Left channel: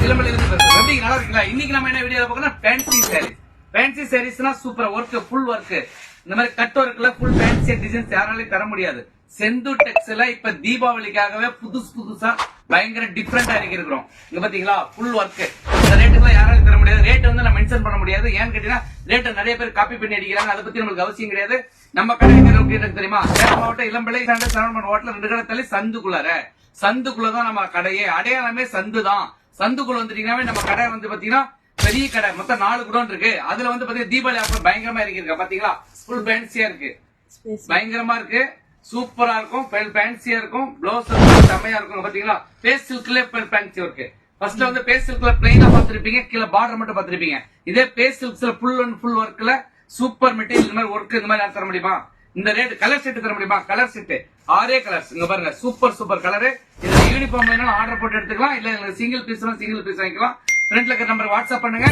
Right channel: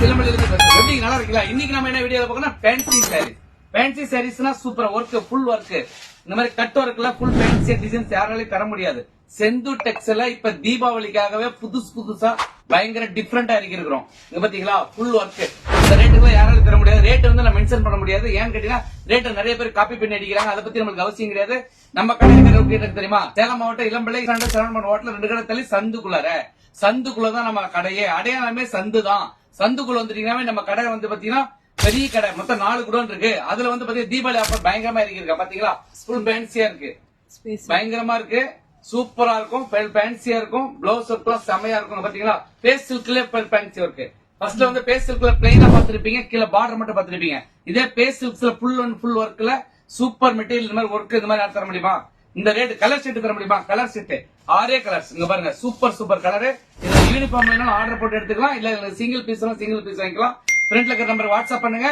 நல்லா இருக்குல்ல. இன்னைக்கு நம்ம என்ன வீடியோ பார்க்கணும், ஃபேன்சி சாரீஸ். ஃபேன்சி சாரீஸ்னா சூப்பர் ஒர்க், ஃபுல் ஒர்க். இந்த மாதிரி கட் ஒர்க்ல ஃபுல் ஃபேன்சி டிசைன்ஸ் யாராலையும் தர முடியாது. செந்து டெக்ஸ்ல இப்ப தீபாவளிக்காகவே புதுசா பயங்கர டிஃபரெண்டா இருக்கிறோம். இங்க பாத்தீங்களா ஃபுல் ஒர்க். இந்த ரேட்டுக்குள்ள யாராலையும் தர முடியாது. ரேட் வந்து நம்ம மென்ஷன் பண்ண முடியாது. ஏன்னு கேட்டீங்கன்னா ரேட் நிறைய பேர் காப்பி பண்ணி அடிக்கிறாங்க. அதை பத்தி நம்மளுக்கு அவசியம் கிடையாது. நம்ம கடை எனக்கு தெரியுமா, சேலம் மாவட்டம் இளம்பிள்ளை சரவணன் ஹோட்டல் 2 கடை தள்ளி சந்துக்குள்ளதான் நம்ம கடையே. அடையாளமே சந்து தான். சந்துக்குள்ள வந்துட்டீங்கன்னா நம்ம கடை வந்து பாத்தீங்கன்னா பெரிய கடை. மொத்தம் 4 குடோன் இருக்கு. அதுல வந்து பாத்தீங்கன்னா தீபாவளி ஆஃபர் பயங்கரமா இருக்கு. பாத்தீங்களா ஃபுல் ஃபேன்சியா இருக்கு, பயங்கரமா இருக்கு, சூப்பரா இருக்கும், ஃபேன்சியா இருக்கும். பிளவுஸ் செம்மையா இருக்கும். பாத்தீங்களா பேஸ் சில்க்ல ஃபேன்சி இருக்கு. ஃபர்ஸ்ட்ல வந்து பேஸ் சில்க்ல பிளைனா பாத்துருப்பீங்க, கீழே பார்டர் மட்டும் பாத்துருப்பீங்க. இதே பேஸ் சில்க்ஸ்ல ஃபுல் அண்ட் ஃபுல் ஒர்க்ல சூப்பர் மெட்டீரியல். இந்த மாதிரி ஒர்க் இந்த மாதிரி தர முடியுமா? இந்த ரேட் கலர் செட் தர முடியுமா? Colour set 6 colours. இங்க பாருங்க சூப்பர் கலரு. இந்த யூனிஃபார்ம் வேணாலும் ஆர்டர் போட்டு எடுத்துக்கலாம். இல்ல சிங்கிள் பீஸ் வாங்கிக்கலாம். ஃப்ரண்ட்ல இருக்கிற நம்பர் வாட்ஸ்அப் பண்ணுங்க.